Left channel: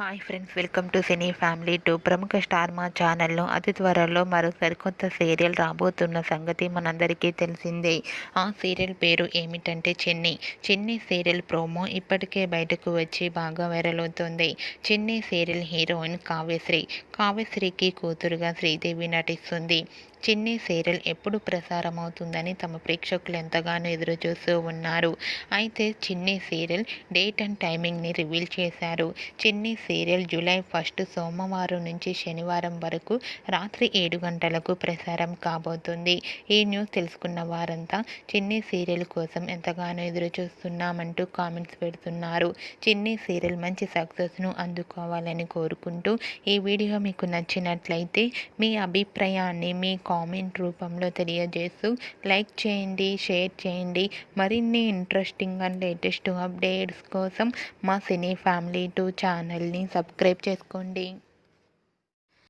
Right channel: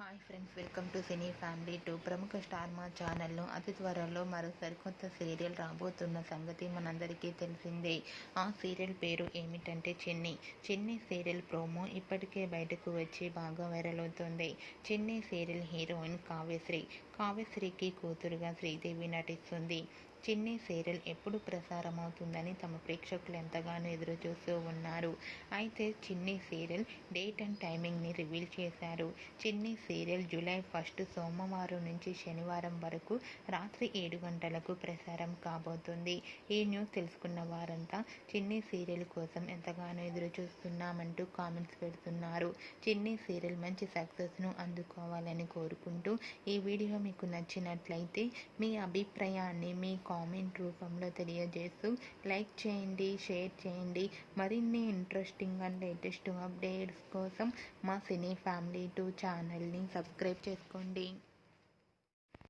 Hi friends, welcome to cine family two. ప్రముఖ star మా ఛానల్లో అతి త్వరలో మరో సరికొత్త సీరియల్ రాబోతున్న సంగతి మనందరికీ తెలిసిందే. ఆ సీరియల్ పేరు ఏమిటంటే చెన్నీ. చెన్నీ సీరియల్ ప్రోమో ఇప్పటికే బయటకు వచ్చి బాగా వైరల్ అవుతుంది. చెన్నీ సీరియల్ హీరోయిన్ కావ్యశ్రీ. కావ్యశ్రీకి కూతురుగా శ్రీదేవి నటిస్తుంది. చెన్నీ సీరియల్ ఎప్పుడు ప్రసారం అవుతుందని తమ ప్రేక్షకులు ఎంతగానో ఎదురు చూస్తూ ఉన్నారు. అయితే చెన్నీ సీరియల్ డేట్ అండ్ టైమింగ్ని రివీల్ చేశారు. చెన్నీ సీరియల్ జూలై 1 సోమవారం నుంచి శనివారం వరకు రాత్రి 7 గంటలకు ప్రసారం కాబోతుంది. ఈ న్యూస్ తెలుసుకున్న వారంతా చెన్నీ సీరియల్ కోసం ఎంతగానో ఎదురు చూస్తున్నామంటూ కామెంట్స్ పెడుతున్నారు. చెన్నీ సీరియల్ మంచి సక్సెస్ను అందుకోవాలని కోరుకుంటూ ఈ వీడియో మీకు నచ్చినట్లయితే మీ అభిప్రాయాన్ని మీ కామెంట్ రూపంలో తెలియజేస్తూ లైక్ చేయండి, షేర్ చేయండి. మరిన్ని ఇంట్రెస్టింగ్ అండ్ లేటెస్ట్ అప్డేట్స్ కోసం మా సినీ ఫ్యామిలీ 2 ఛానల్ని సబ్స్క్రైబ్ చేసుకోండి.